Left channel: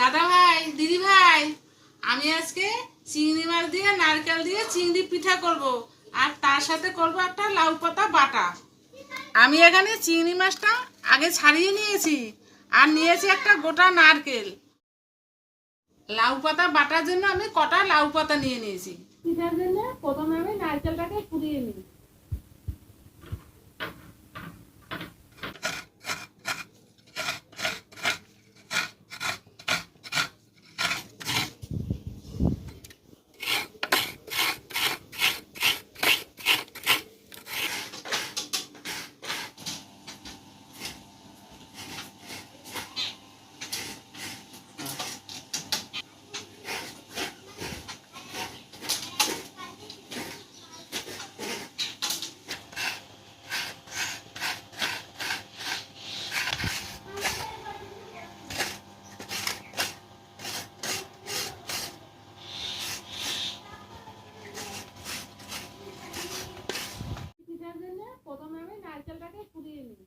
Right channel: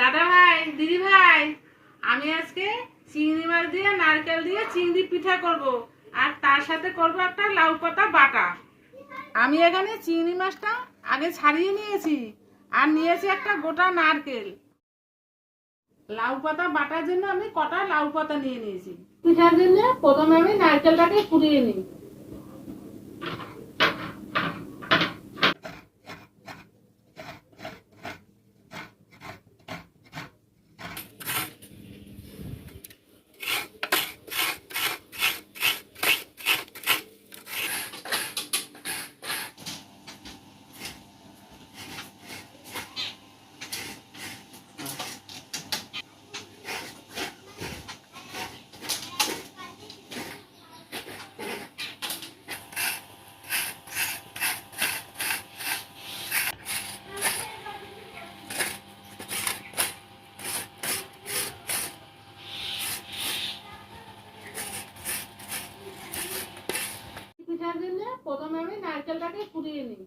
দাদা ভাই, দিদি ভাই, আমি আজকে চিংড়ি মাছ দিয়ে নারকেল দিয়ে চিংড়ি পিঠা করব আর তার সাথে করব একটা লাউ পাতা বাটা। আমি এখানে চিংড়ি মাছটা আগে ছাড়িয়ে নিয়েছি আর নিয়েছি একটা গোটা নারকেল। লাউ পাতা বাটার জন্য আমি কটা লাউ পাতা নিয়ে নিয়েছি। পিঠার জন্য প্রথমে আমি নারকেলটাকে কুড়িয়ে নিই। পিঠার জন্য প্রথমে আমি নারকেলটাকে কুড়িয়ে নিই।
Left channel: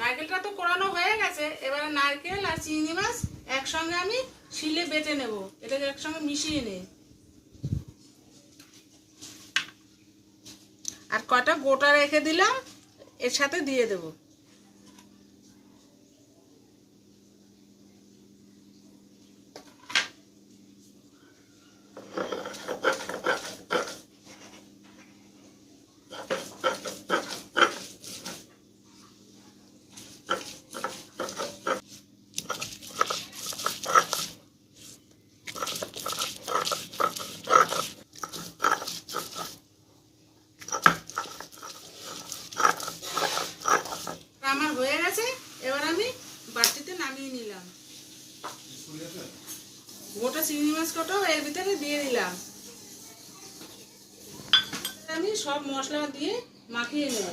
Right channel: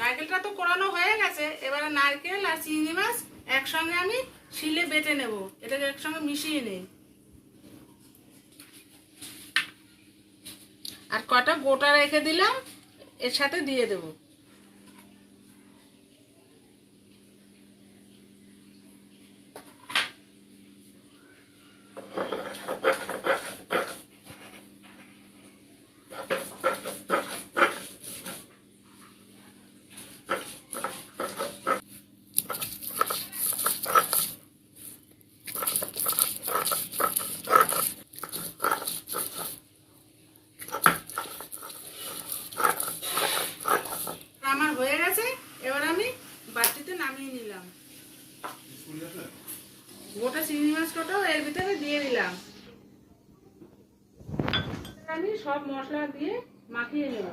নারকেলটা তো কোরানো হয়ে গেছে, এবারে নারকেল আর চিংড়ি মাছ একসঙ্গে আমি শিলে বেটে নেব। এটাকে একসঙ্গে মিশিয়ে নেই আর কটা গোটা রেখে দিলাম, এর সাথে দিয়ে দেব। আমার হয়ে গেছে, এবার আমি বাটিতে নামিয়ে নিলাম। গোটা চিংড়ি মাছ কটাও এর ভিতরে দিয়ে দিলাম। আমি সব মশলা দিয়ে মাখিয়ে নেব।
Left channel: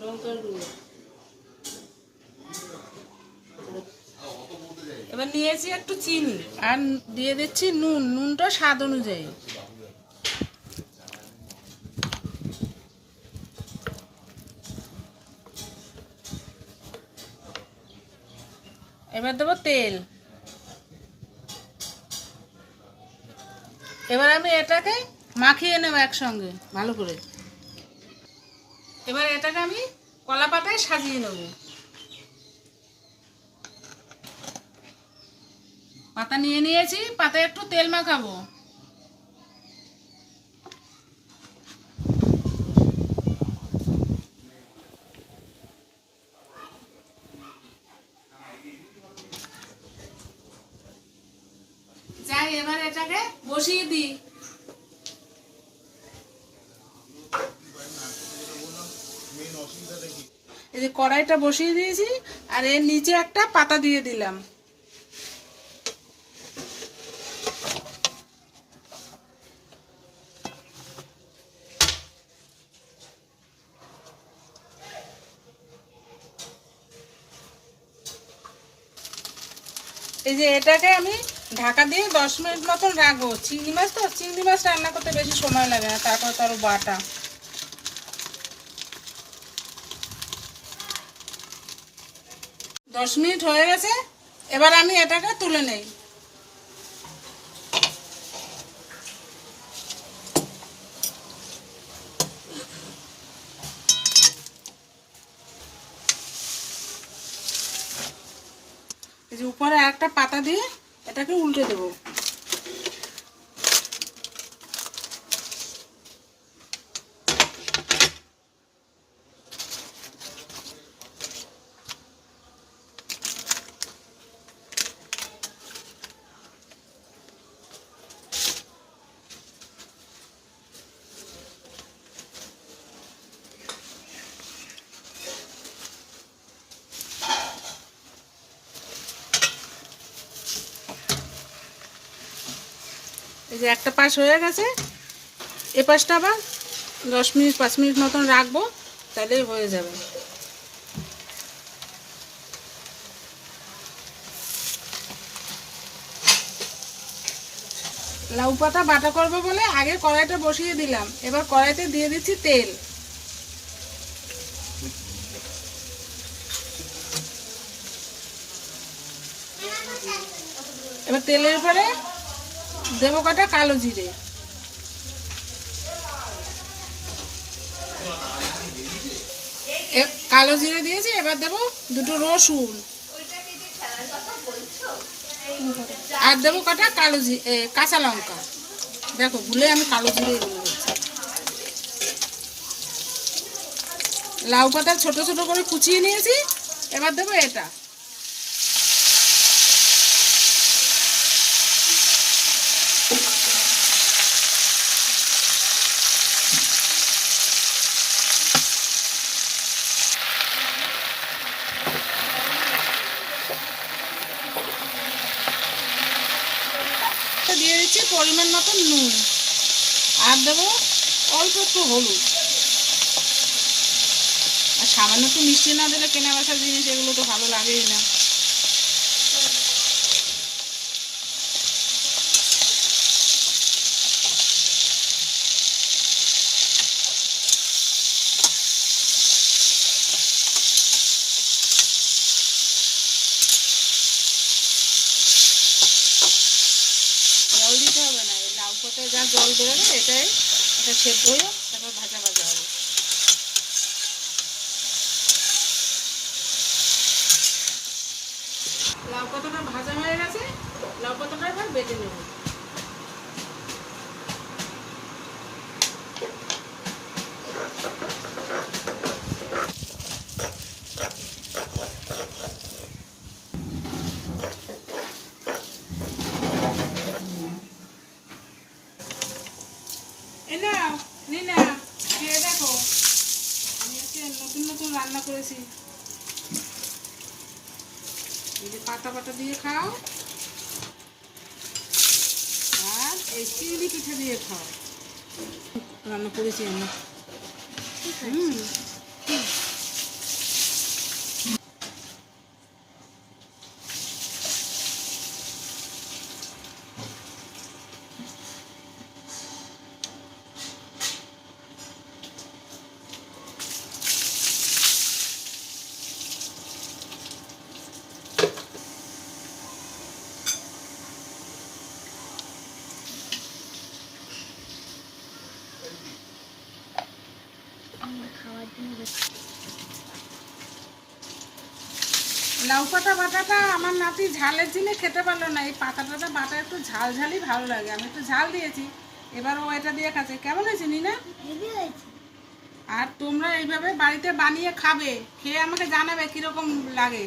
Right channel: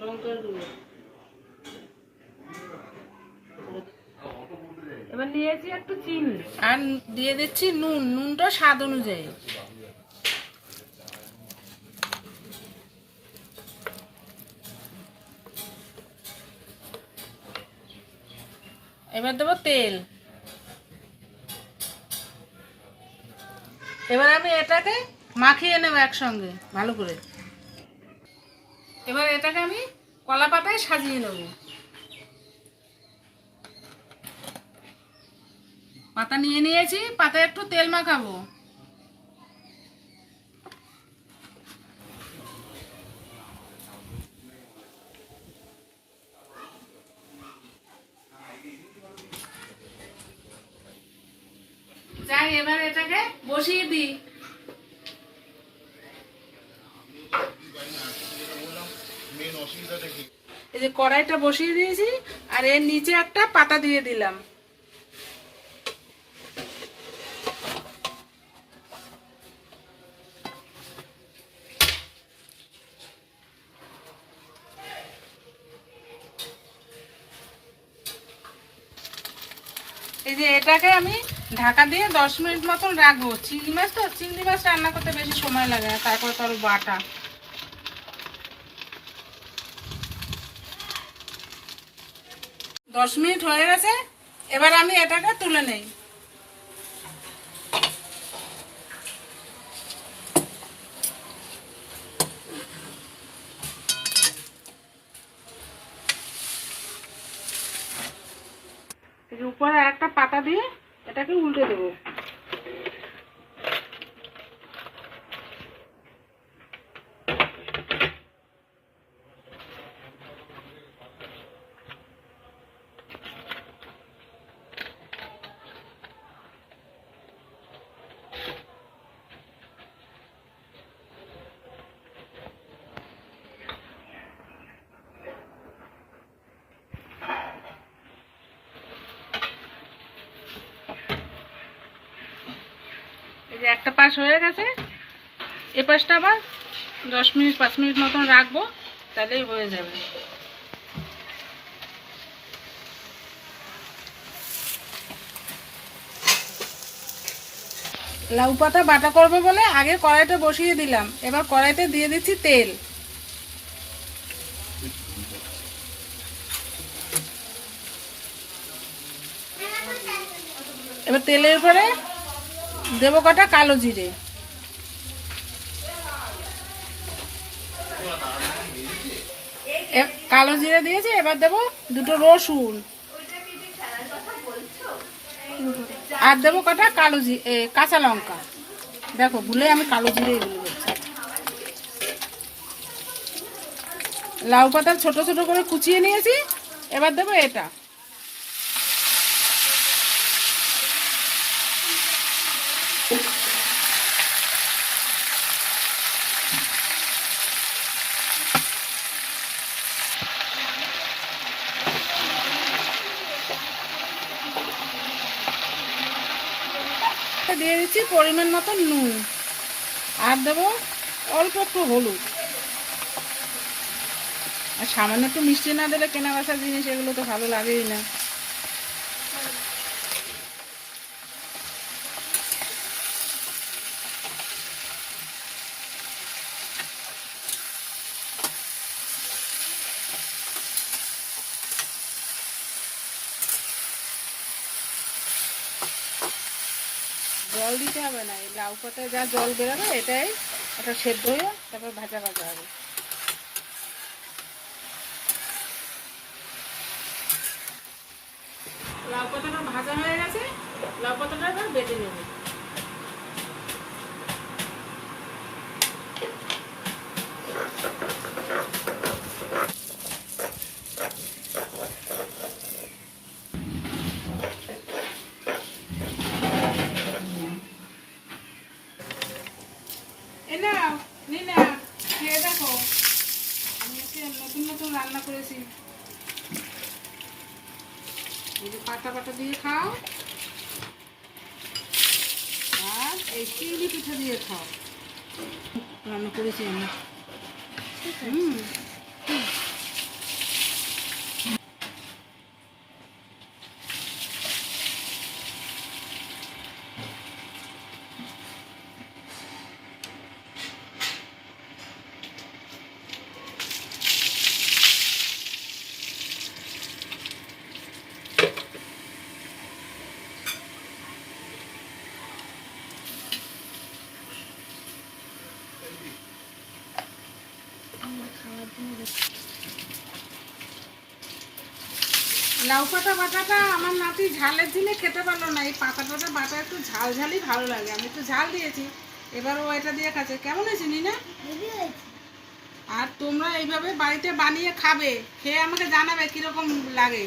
লঙ্কার গুঁড়ো এবার নিয়েছি একটু চিনি আর দিয়ে দিচ্ছি নুন। নুনটা স্বাদ অনুযায়ী। এবার দেবো তেল। এবার আমি এটাকে মাখিয়ে নেব একসঙ্গে ভালো করে। এবার এটাকে আমি কলা পাতায় সাজিয়ে নেব। পাতা নিয়ে নিয়েছি, পাতায় একটু তেল মাখাবো। যাই, এবার এটাকে বসিয়ে দিই। এই যে কড়াইটা বসিয়ে দিয়েছি আর এর নিচে একটা পাতা দিয়ে দিলাম। এই যে এটাকে আমি ঢাকা দিয়ে 10 মিনিট মতন রাখবো। চিংড়ি মাছ তো, চিংড়ি মাছ রান্না করতে বেশি সময় লাগে না, তারপর তার বাটা। 10 মিনিট হয়ে গেছে, এবার আমি এটাকে তুলে নেই। দিয়ে এটাকে উল্টে দেবো। এই যে একটা পাশ হয়ে গেছে, এ পাশটা আবার 10 মিনিট 5 মিনিট মতন রাখবো, তাহলেই হয়ে যাবে। লাউ পাতা বাটা করবো বলে আগে কড়াইটা বসিয়ে দিলাম, এবার কড়াইতে দিয়ে দিচ্ছি তেল। এবার তেলের পরে দেবো কটা কালো জিরে, কালো জিরে দিয়েছি। এবার দেবো 2টো রসুন, আর দেবো কটা কাঁচা লঙ্কা। দেখো ভুলে আমি কালো জিরে দিয়ে দিচ্ছি। লাউ পাতা ছোট ছোট করে কুচিয়ে নিয়েছি, এবার দেবো এটা। দিয়ে দিচ্ছি পরিমাণ মতো নুন, আর দেবো অল্প একটু হলুদ। আর সামান্য একটু মিষ্টি না দিলে কেনা বেচার জিনিস এগুলো তো ভালো লাগেই না। জল দিতে হবে না, এই লাউ পাতায় যা জল বেরোবে এটাই ওটা সেদ্ধ হয়ে তারপরে ভাজা ভাজা হবে। লাউ পাতাটা ভাজা হয়ে গেছে, লাউ পাতাটা এবার বেটে নেব। দেখো আমি আজকে নতুন নতুন রান্না করেছি। এই যে পাতা পাতা দিয়ে খাও, আর এই চিংড়ি পিঠা দিয়ে খাও। রান্না করেছি আমি। লাউ পাতা বাটাটা আমার নাতি ঝালের দিনে খেতে পারলো না। এই পাতা পাতা বাটা একটু ঝাল ঝালই ভালো লাগে, আমি একটু ঝাল দিয়েছি, এবার ও এটা দিয়ে খাচ্ছে। কেমন হয়েছে নিনা? আর তোমরা এইভাবে বাড়িতে বানিয়ে খাবে, খেয়ে আমাকে জানাবে কিরকম লাগে।